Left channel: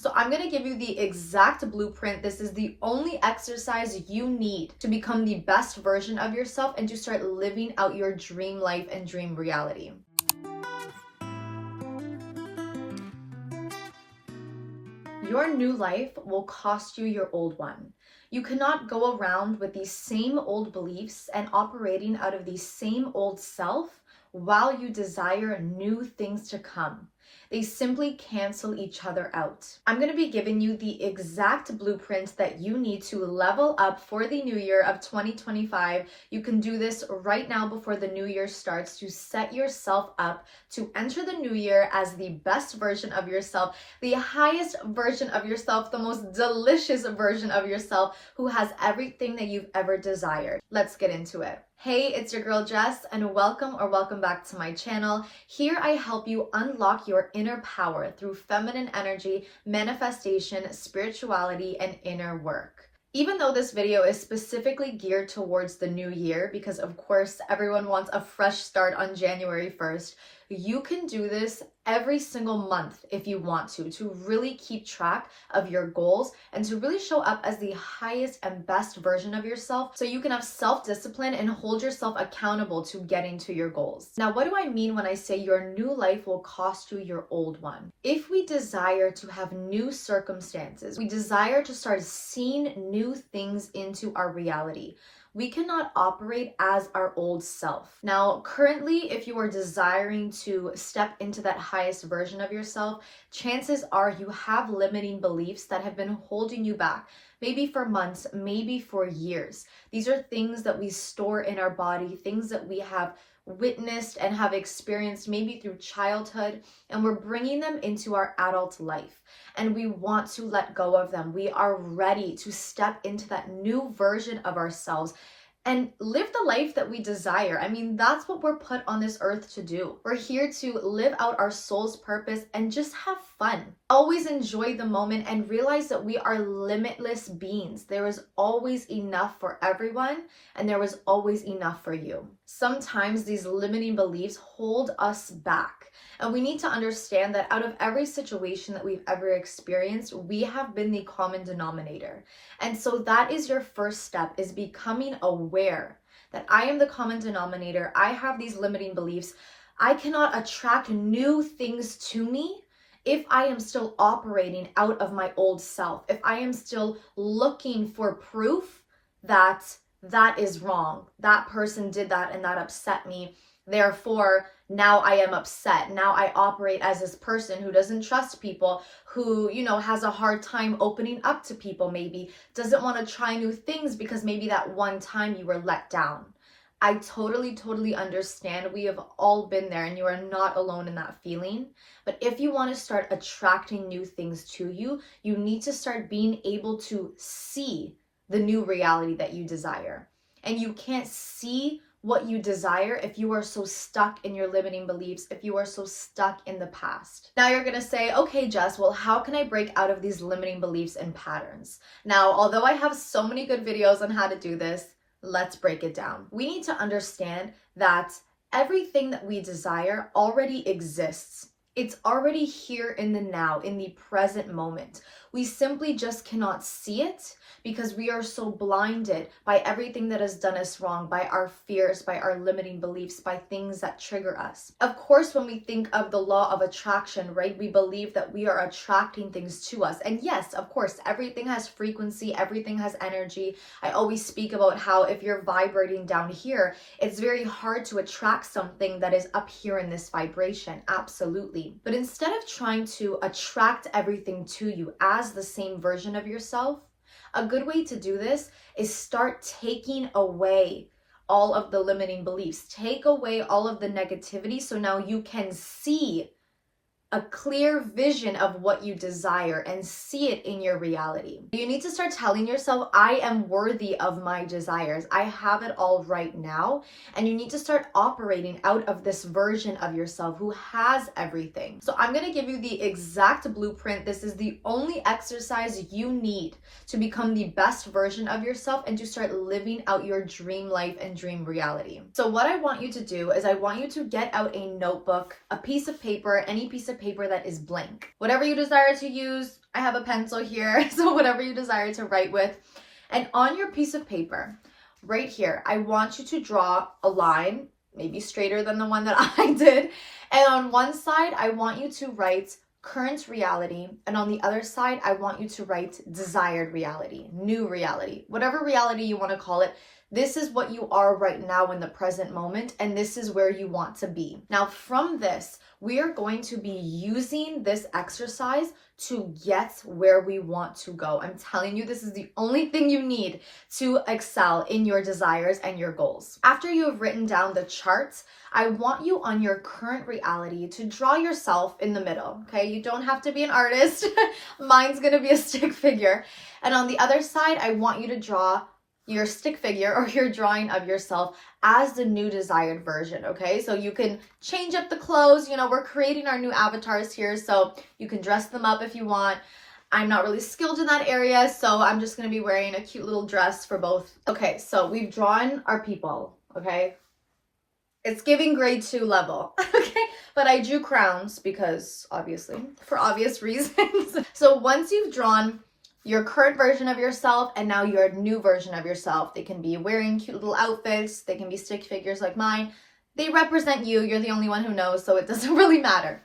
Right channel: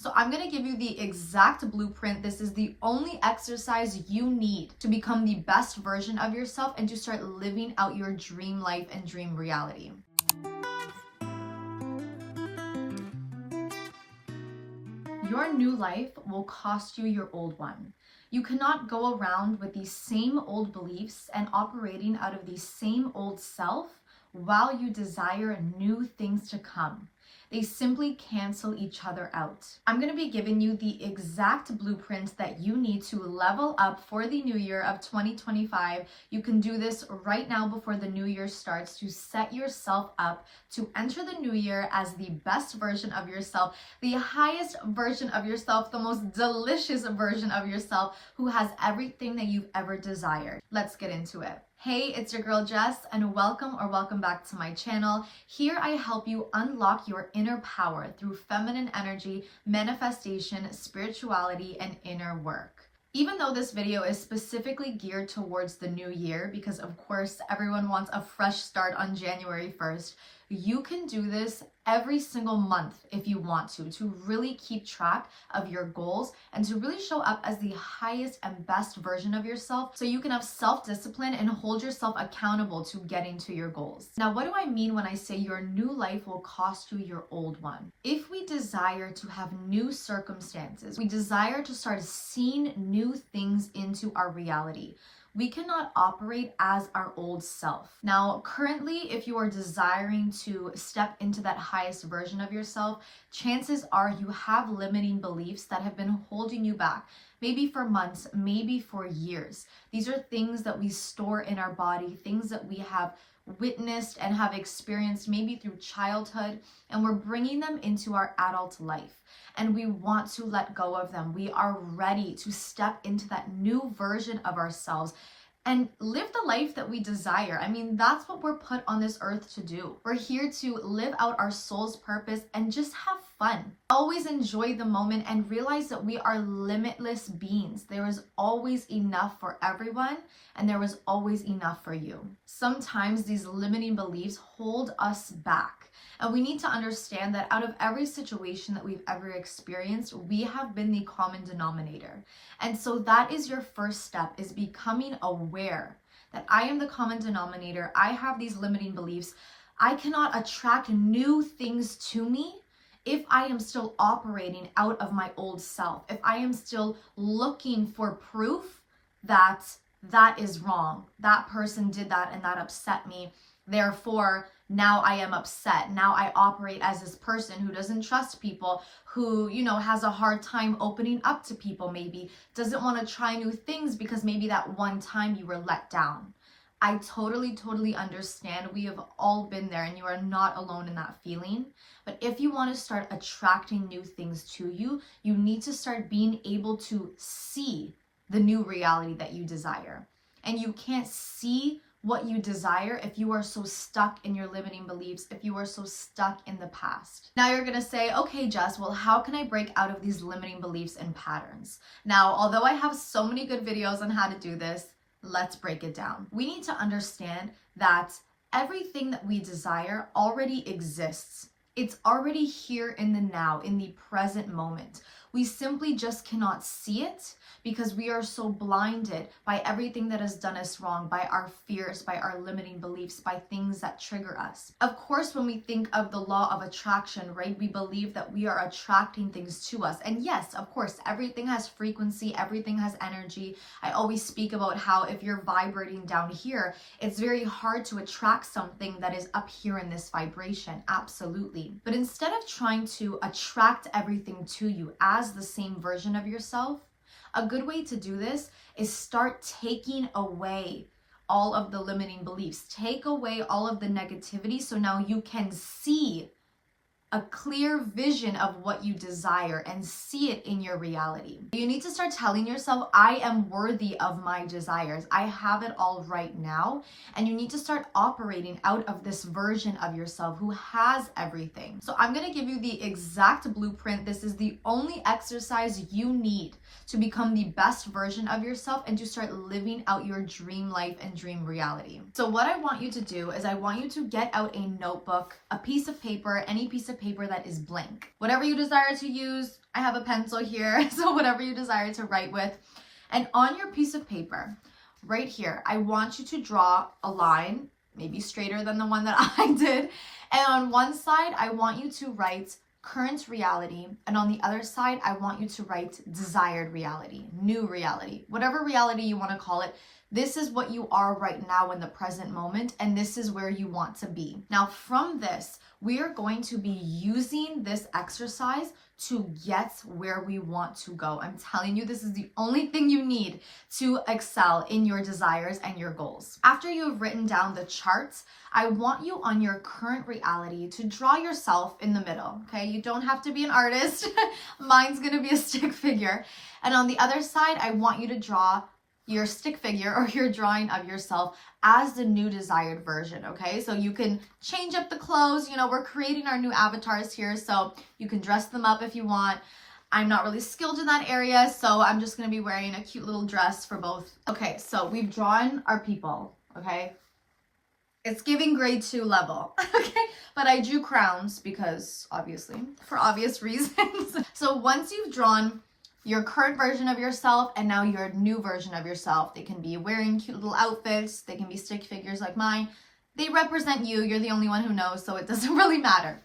So I'm going to give you the exact blueprint. This is the only exercise you need to become the best version of yourself and to start living out your dream life and dream reality. Your new life will cost you your old one. You cannot go around with these same old beliefs and operating out of the same old self while you desire new things to come. They simply cancel each other out. I'm going to be giving you the exact blueprint that you need to level up for the new year of 2025. You can do this right now before the new year starts to set yourself up to enter the new year as the best version of yourself, the highest version of yourself, the most delicious version of yourself who has everything that you've ever desired. Let's get into it. Hey, it's your girl Jess, and welcome back to my channel. Here I help you unlock your inner power through feminine energy, manifestation, spirituality, and inner work. Even though this video is specifically geared towards the new year, because of course everyone wants a fresh start on January 1st, you can do this every single month if you want to really keep track of your goals and to really show up as the highest and best version of yourself so you can have self-discipline and hold yourself accountable to getting to your goals. Now, what do I mean when I say your new life will cost you your old one? If we desire to have new circumstances, we desire to start seeing new things into our reality, we cannot operate as our old self. Now, currently, if you are desiring to step into that highest version of yourself, chances are you have limiting beliefs that have been holding you back, maybe for months, maybe for years. These are things that we store in our body, things that we have witnessed and have experienced maybe through childhood, and we're bringing them into our adult life. And we want to let go of them. We are ready to step into that new version of ourselves and live the life that we desire. I mean, that's what we're put on this earth to do. We're here to live out our soul's purpose and just have fun. Always enjoy the moment and realize that we are limitless beings. There is always enough for everyone, and there was always enough for you. Sometimes these limiting beliefs hold us back. And we need to understand that out of every situation that we've ever experienced, we have been the common denominator. And so that is your first step, is becoming aware that I am the common denominator. I have these limiting beliefs. I cannot attract new things to me if I am still operating out of my old self, if I am still looking for proof that that is wrong, that person did that and that upset me, therefore now I am upset. Now I operate as this person who doesn't trust people, who, has a hard time opening up to people, maybe doesn't want to try new things because maybe that one time you were let down. I totally understand. We have all been there, and you are not alone in that feeling. But if you want to start attracting new things to you, you need to start being able to see the new reality that you desire. And you can't see what you desire if you are so stuck in your limiting beliefs, if you are so stuck in the past. Now you're gonna say, okay, Jess, well, how can I break out of these limiting beliefs and patterns? Now, although I have so many good videos on how to do this, let's break it down. We need to understand that everything that we desire already exists. It's already here in the now, in the present moment. We simply just cannot see it because we are so blinded by everything that has done us wrong, by our fears, by our limiting beliefs, by things that trigger us. Of course, when we think of the law of attraction, right, we believe that we are attracting things to us. And yes, of course, everything has frequency, everything has energy. I always speak about how if you're vibrating down here, it's very hard to attract something that is up here in this vibration. Absolutely. But instead of trying to attract everything to you as the same version of yourself, a good way to do this is start taking away all of the limiting beliefs. Take away all of the negativity so now you can see a clear vision of what you desire and see it in your reality. You need to start telling yourself, I am worthy of my desires. I have it all right now. And you need to start operating out of this version of yourself who has everything. So I'm going to give you the exact blueprint. This is the only exercise you need to become the best version of yourself and to start living out your dream life and dream reality. So what I want you to do is I want you to get out a notebook, a piece of paper, any piece of paper that is blank. Whatever you desire to use, I have a pencil here, so whatever you desire to write with. And on your piece of paper, right here, I want you to draw a line, maybe straighter than the one that I did. And on one side, I want you to write current reality. And on the other side, I want you to write desired reality, new reality, whatever reality you want to call it. This is what you are right now in the present moment, and this is where you want to be. Now, from this, we are going to be using this exercise to get where we want to go. I'm telling you, this is the only thing you need to excel in your desires and your goals. After you have written down the charts, I want you on your current reality to draw yourself in the middle, okay? You don't have to be an artist. Mine's gonna be a stick figure. And on the other side, I want you to draw your stick figure or your drawing of yourself as the new desired version, okay? So you can change up the clothes. You know, we're creating our new avatars here, so you can dress them up if you want. I'm not really skilled in that area, so I'm just gonna be wearing a cute little dress for both. Okay, so we've drawn our people, okay? It's giving grade 2 level, okay? But I drew crowns because obviously, for obvious reasons. So once you've drawn your current version of yourself and now your new version of yourself, they can be wearing cute little outfits, they can be stick figures like mine. They represent you, you're the only one who knows, so it doesn't really matter.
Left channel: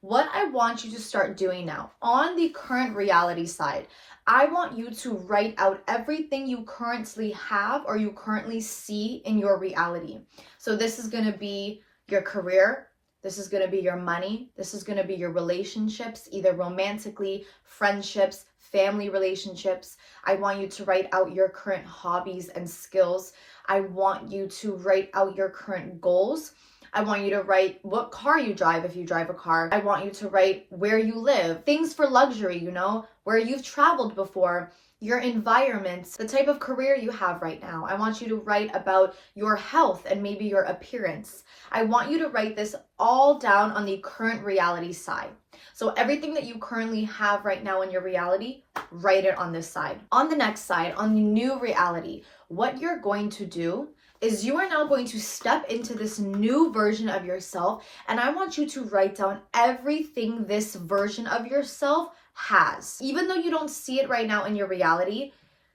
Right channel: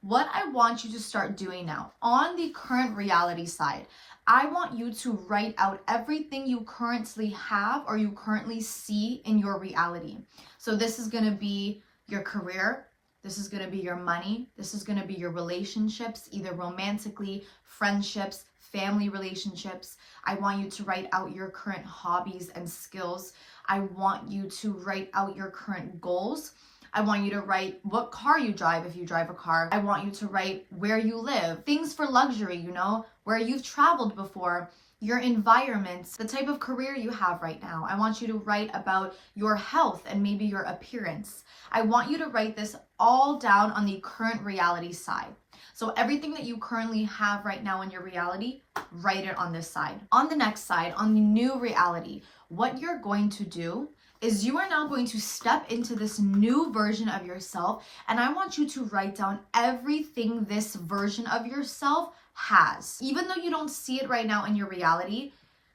What I want you to start doing now, on the current reality side, I want you to write out everything you currently have or you currently see in your reality. So this is going to be your career, this is going to be your money, this is going to be your relationships, either romantically, friendships, family relationships. I want you to write out your current hobbies and skills. I want you to write out your current goals. I want you to write what car you drive if you drive a car. I want you to write where you live, things for luxury, you know, where you've traveled before, your environments, the type of career you have right now. I want you to write about your health and maybe your appearance. I want you to write this all down on the current reality side. So everything that you currently have right now in your reality, write it on this side. On the next side, on the new reality, what you're going to do is you are now going to step into this new version of yourself, and I want you to write down everything this version of yourself has. Even though you don't see it right now in your reality,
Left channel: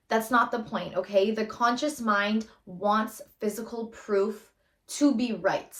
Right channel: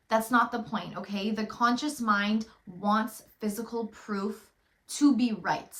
that's not the point, okay? The conscious mind wants physical proof to be right.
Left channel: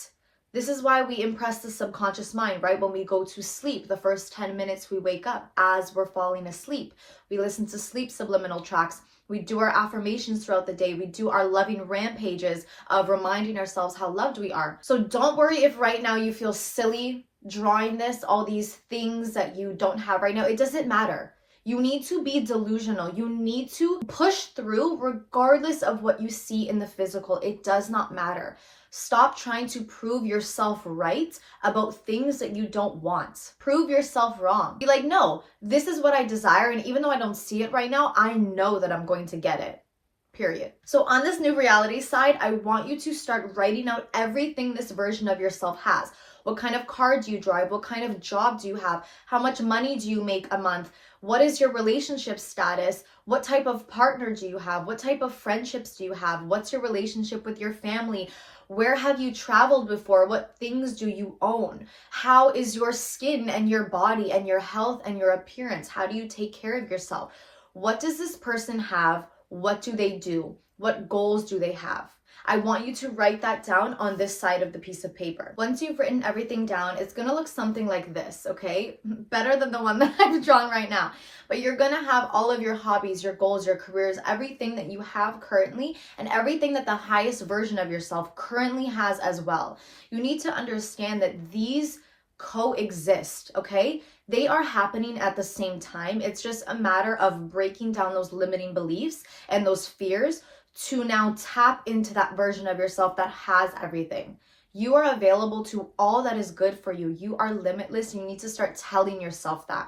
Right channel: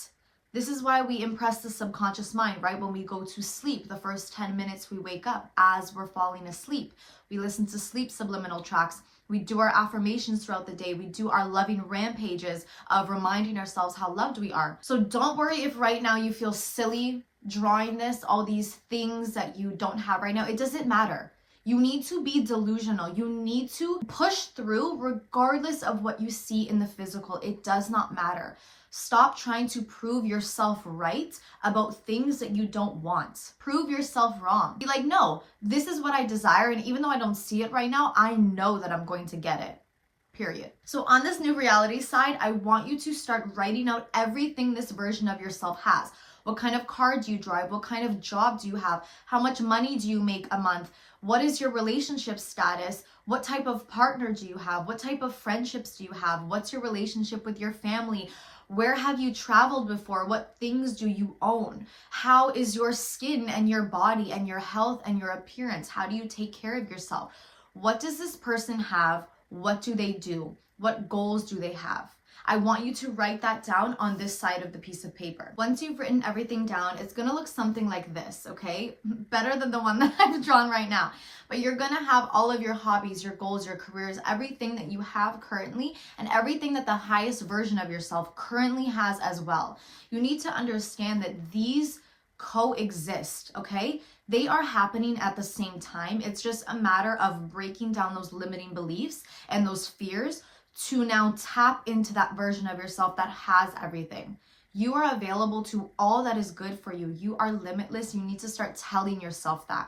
This is why we impress the subconscious mind, right? When we go to sleep, the first 10 minutes we wake up as we're falling asleep. We listen to sleep subliminal tracks. We do our affirmations throughout the day. We do our loving rampages of reminding ourselves how loved we are. So don't worry if right now you feel silly drawing this, all these things that you don't have right now. It doesn't matter. You need to be delusional. You need to push through regardless of what you see in the physical. It does not matter. Stop trying to prove yourself right about things that you don't want. Prove yourself wrong. Be like, no, this is what I desire. And even though I don't see it right now, I know that I'm going to get it. Period. So on this new reality side, I want you to start writing out everything this version of yourself has. What kind of car do you drive? What kind of job do you have? How much money do you make a month? What is your relationship status? What type of partner do you have? What type of friendships do you have? What's your relationship with your family? Where have you traveled before? What things do you own? How is your skin and your body and your health and your appearance? How do you take care of yourself? What does this person have? What do they do? What goals do they have? I want you to write that down on this side of the piece of paper. Once you've written everything down, it's gonna look something like this, okay? Better than the one that I've drawn right now. But you're gonna have all of your hobbies, your goals, your careers, everything that you have currently, and everything that the highest version of yourself currently has as well. You need to understand that these coexist, okay? They are happening at the same time. It's just a matter of breaking down those limiting beliefs and those fears to now tap into that version of yourself that has everything. You are available to all that is good for you. You are limitless. You need to start telling yourself that.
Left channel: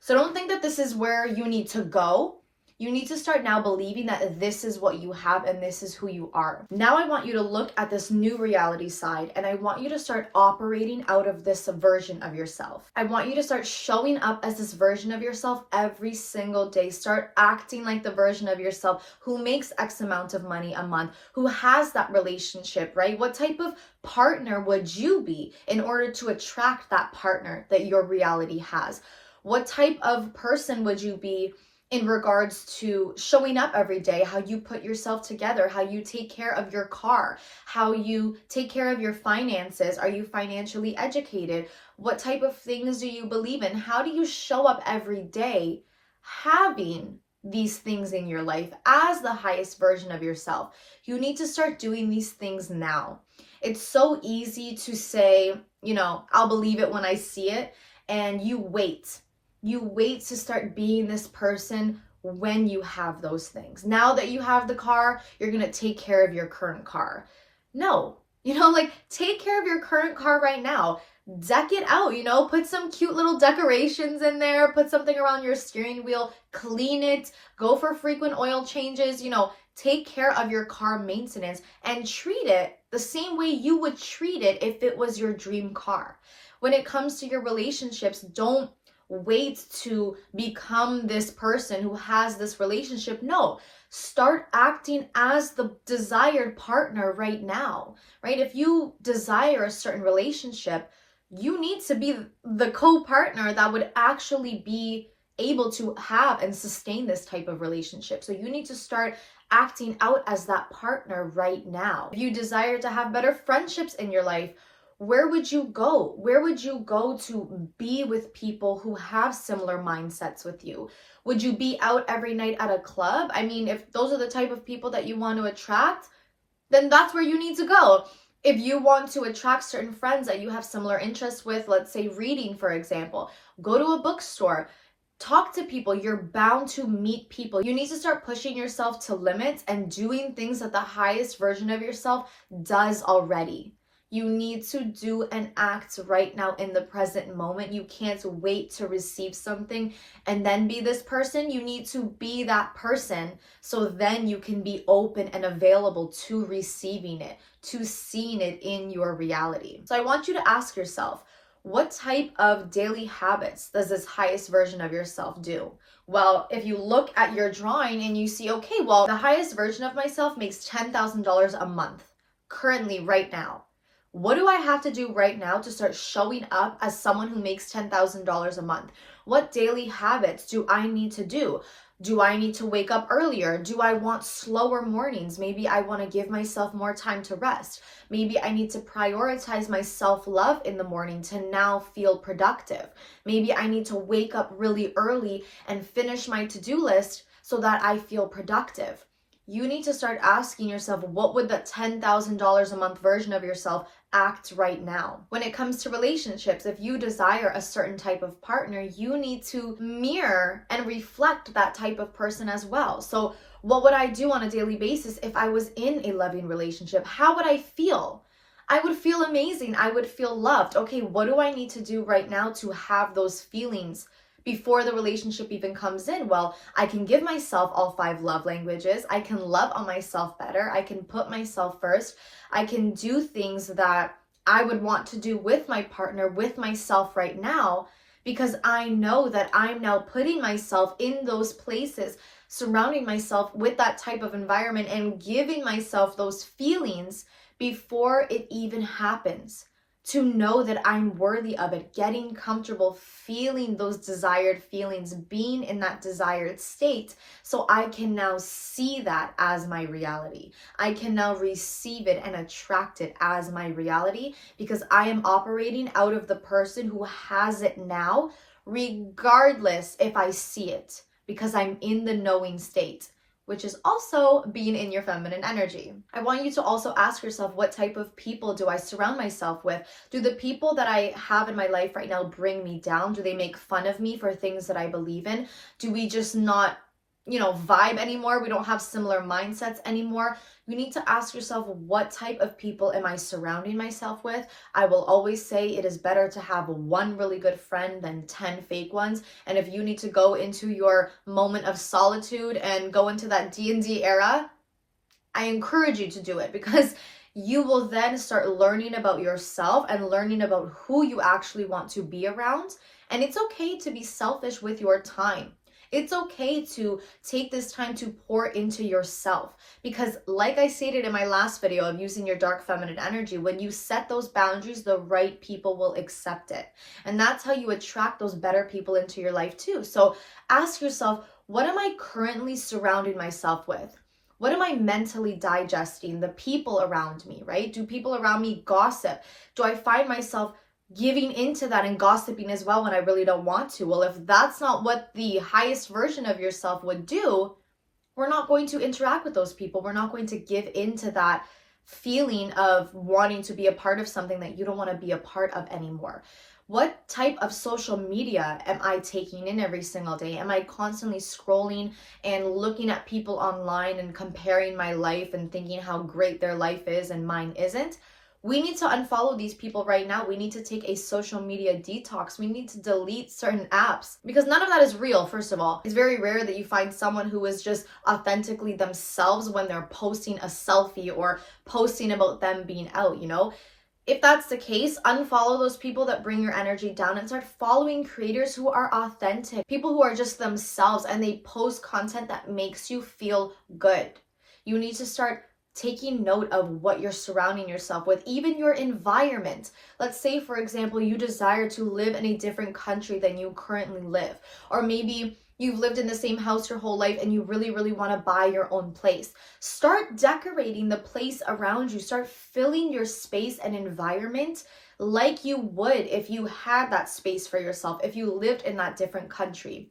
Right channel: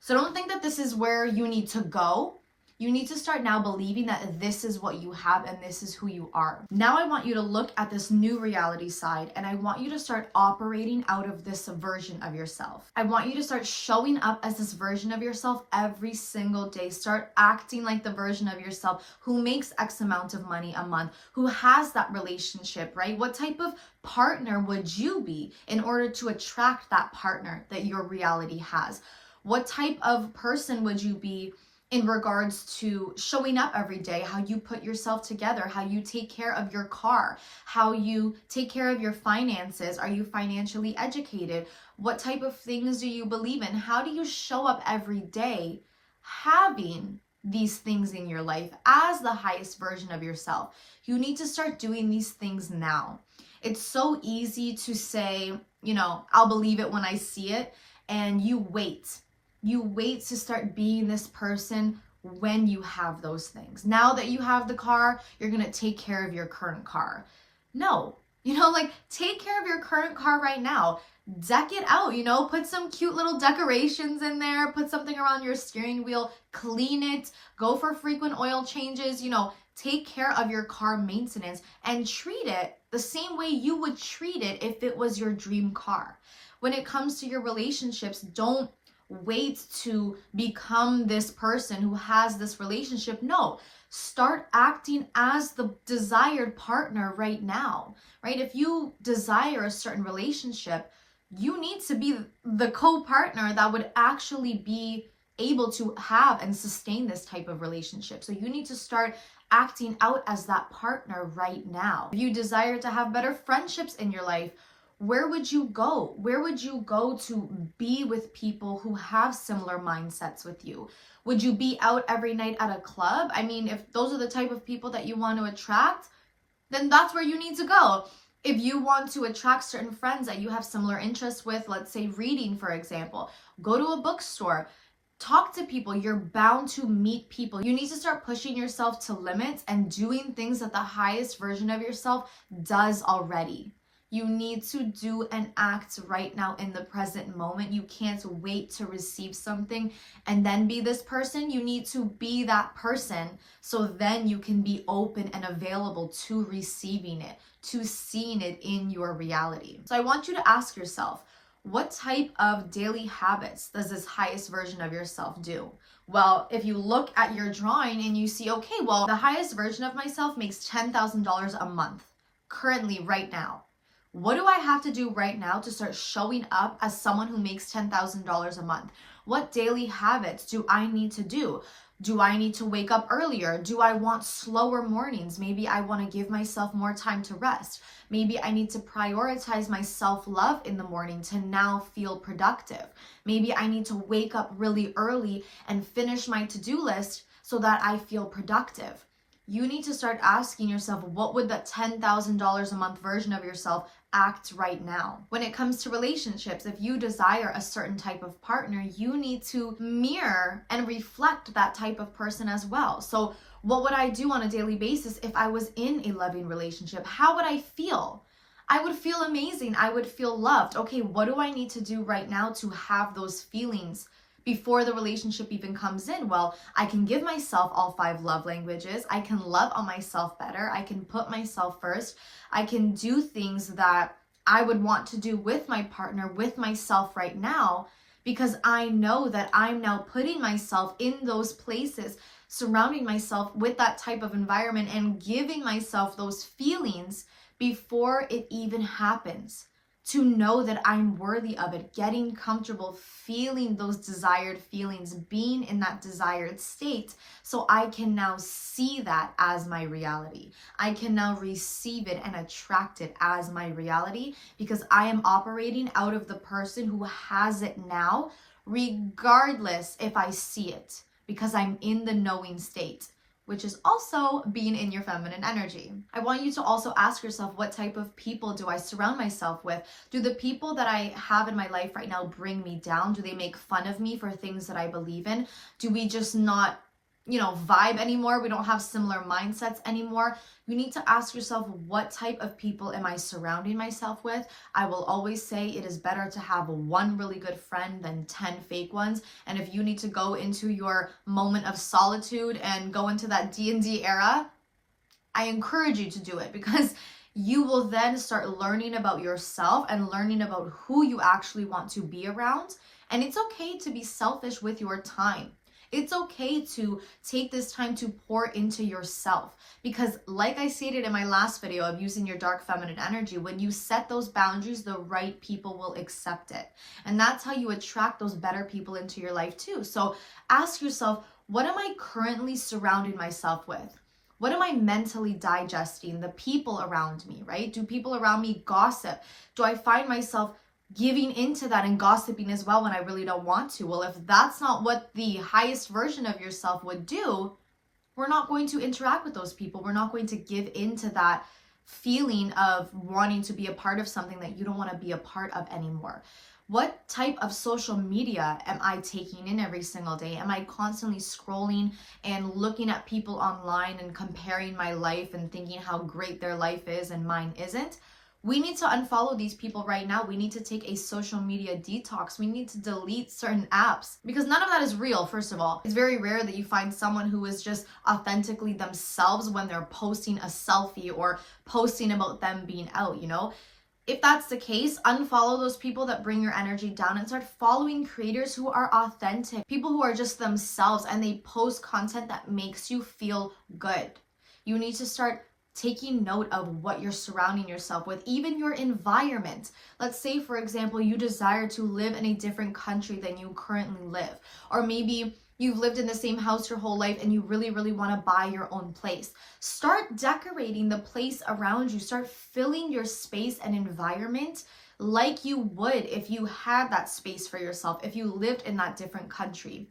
So don't think that this is where you need to go. You need to start now believing that this is what you have and this is who you are. Now I want you to look at this new reality side, and I want you to start operating out of this version of yourself. I want you to start showing up as this version of yourself every single day. Start acting like the version of yourself who makes X amount of money a month, who has that relationship, right? What type of partner would you be in order to attract that partner that your reality has? What type of person would you be in regards to showing up every day, how you put yourself together, how you take care of your car, how you take care of your finances? Are you financially educated? What type of things do you believe in? How do you show up every day having these things in your life as the highest version of yourself? You need to start doing these things now. It's so easy to say, I'll believe it when I see it, and you wait. You wait to start being this person when you have those things. Now that you have the car, you're going to take care of your current car. No, take care of your current car right now. Deck it out, put some cute little decorations in there, put something around your steering wheel, clean it, go for frequent oil changes, take care of your car maintenance and treat it the same way you would treat it if it was your dream car. When it comes to your relationships, don't wait to become this person who has this relationship. No, start acting as the desired partner right now, right? If you desire a certain relationship, you need to be the co-partner that would actually be able to have and sustain this type of relationship. So you need to start acting out as that partner right now. If you desire to have better friendships in your life, where would you go? Where would you go to be with people who have similar mindsets with you? Would you be out every night at a club? I mean, if those are the type of people that you want to attract, then that's where you need to go. If you want to attract certain friends that you have similar interests with, let's say reading, for example, go to a bookstore, talk to people. You're bound to meet people. You need to start pushing yourself to limits and doing things that the highest version of yourself does already. You need to do and act right now in the present moment. You can't wait to receive something and then be this person. You need to be that person so then you can be open and available to receiving it, to seeing it in your reality. So I want you to ask yourself, what type of daily habits does this highest version of yourself do? Well, if you look at your drawing and you see, okay, well, the highest version of myself makes $10,000 a month currently right now. What do I have to do right now to start showing up as someone who makes $10,000 a month? What daily habits do I need to do? Do I need to wake up earlier? Do I want slower mornings? Maybe I want to give myself more time to rest. Maybe I need to prioritize my self-love in the morning to now feel productive. Maybe I need to wake up really early and finish my to-do list so that I feel productive. You need to start asking yourself, what would that $10,000 a month version of yourself act right now? When it comes to relationships, if you desire a certain type of partner, you need to mirror and reflect that type of person as well. So what would I do on a daily basis if I was in a loving relationship? How would I feel? I would feel amazing. I would feel loved. Okay, what do I need to do right now to have those feelings before the relationship even comes in? Well, I can give myself all 5 love languages. I can love on myself better. I can put myself first. I can do things that I would want to do with my partner, with myself right now, because I know that I'm now putting myself in those places, surrounding myself with that type of environment and giving myself those feelings before it even happens. To know that I'm worthy of it, getting comfortable, feeling those desired feelings, being in that desired state, so I can now see that as my reality. I can now receive it and attract it as my reality because I am operating out of the person who has it now, regardless if I see it, because I'm in the knowing state, which is also being in your feminine energy. I want you to also ask yourself, what type of people do I surround myself with? Do the people that I have in my life right now bring me down? Do they make fun of me for things that I believe in? Do we just not, vibe anymore? We don't have similar mindsets anymore. You need to ask yourself, what type of people am I surrounding myself with? I will always say it is better to have 1 really good friend than 10 fake ones. And if you need to go into your moment of solitude and go into that D&D era, I encourage you to do it because you will then start learning about yourself and learning about who you actually want to be around. And it's okay to be selfish with your time. It's okay to take this time to pour into yourself, because like I stated in my last video of using your dark feminine energy, when you set those boundaries, the right people will accept it. And that's how you attract those better people into your life too. So ask yourself, what am I currently surrounding myself with? What am I mentally digesting? The people around me, right? Do people around me gossip? Do I find myself giving into that and gossiping as well when I really don't want to? Well, if that's not what the highest version of yourself would do, we're not going to interact with those people. We're not going to give into that feeling of wanting to be a part of something that you don't want to be a part of anymore. What type of social media am I taking in every single day? Am I constantly scrolling and looking at people online and comparing my life and thinking how great their life is and mine isn't? We need to unfollow these people right now. We need to take a social media detox. We need to delete certain apps, because none of that is real, first of all. It's very rare that you find someone who is just authentically themselves when they're posting a selfie or posting about them being out, you know? If that's the case, unfollow those people that bring your energy down and start following creators who are authentic, people who are just themselves and they post content that makes you feel good. You need to start taking note of what you're surrounding yourself with, even your environment. Let's say, for example, you desire to live in a different country than you currently live, or maybe you've lived in the same house your whole life and you really, really want to buy your own place. Start decorating the place around you. Start filling your space and environment like you would if you had that space for yourself, if you lived in that different country.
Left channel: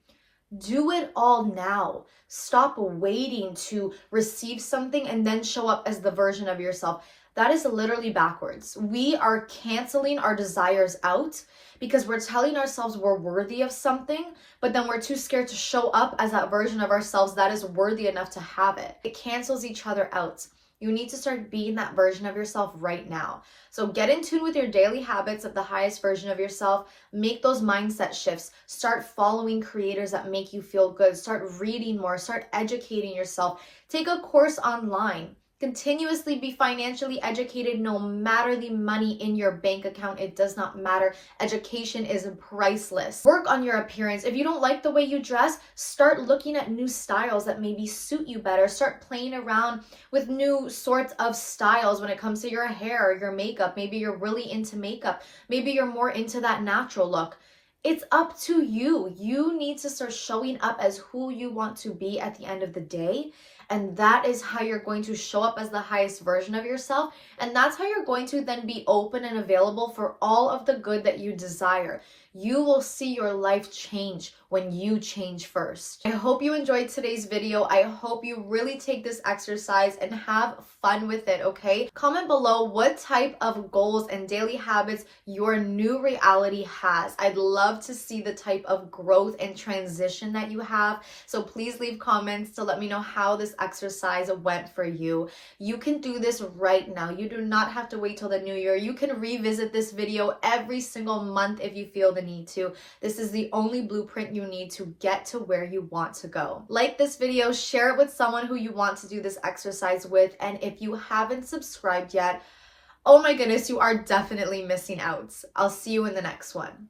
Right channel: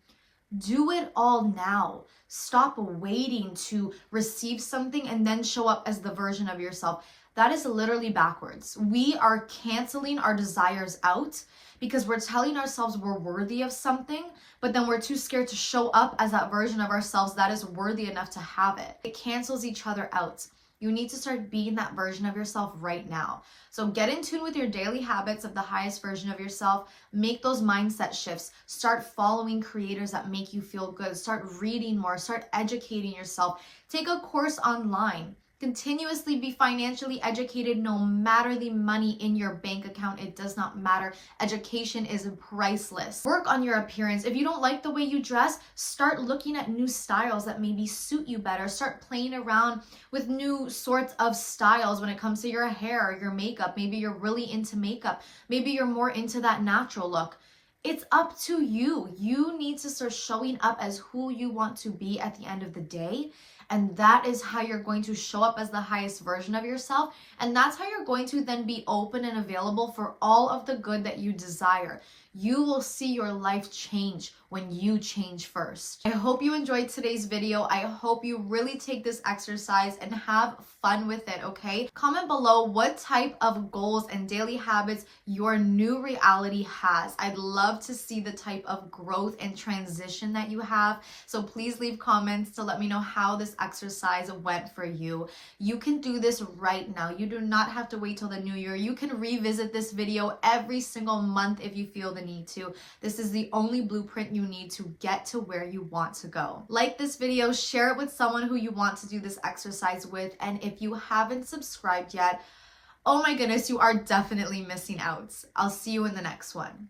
Do it all now. Stop waiting to receive something and then show up as the version of yourself. That is literally backwards. We are canceling our desires out because we're telling ourselves we're worthy of something, but then we're too scared to show up as that version of ourselves that is worthy enough to have it. It cancels each other out. You need to start being that version of yourself right now. So get in tune with your daily habits of the highest version of yourself. Make those mindset shifts. Start following creators that make you feel good. Start reading more. Start educating yourself. Take a course online. Continuously be financially educated no matter the money in your bank account. It does not matter. Education is priceless. Work on your appearance. If you don't like the way you dress, start looking at new styles that maybe suit you better. Start playing around with new sorts of styles when it comes to your hair or your makeup. Maybe you're really into makeup. Maybe you're more into that natural look. It's up to you. You need to start showing up as who you want to be at the end of the day. And that is how you're going to show up as the highest version of yourself. And that's how you're going to then be open and available for all of the good that you desire. You will see your life change when you change first. I hope you enjoyed today's video. I hope you really take this exercise and have fun with it, okay? Comment below what type of goals and daily habits your new reality has. I'd love to see the type of growth and transition that you have. So please leave comments to let me know how this exercise went for you. You can do this right now. You do not have to wait till the new year. You can revisit this video every single month if you feel the need to. This is the only blueprint you need to get to where you want to go. Like this video, share it with someone who you want to do this exercise with, and if you haven't subscribed yet, oh my goodness, you are definitely missing out. I'll see you in the next one.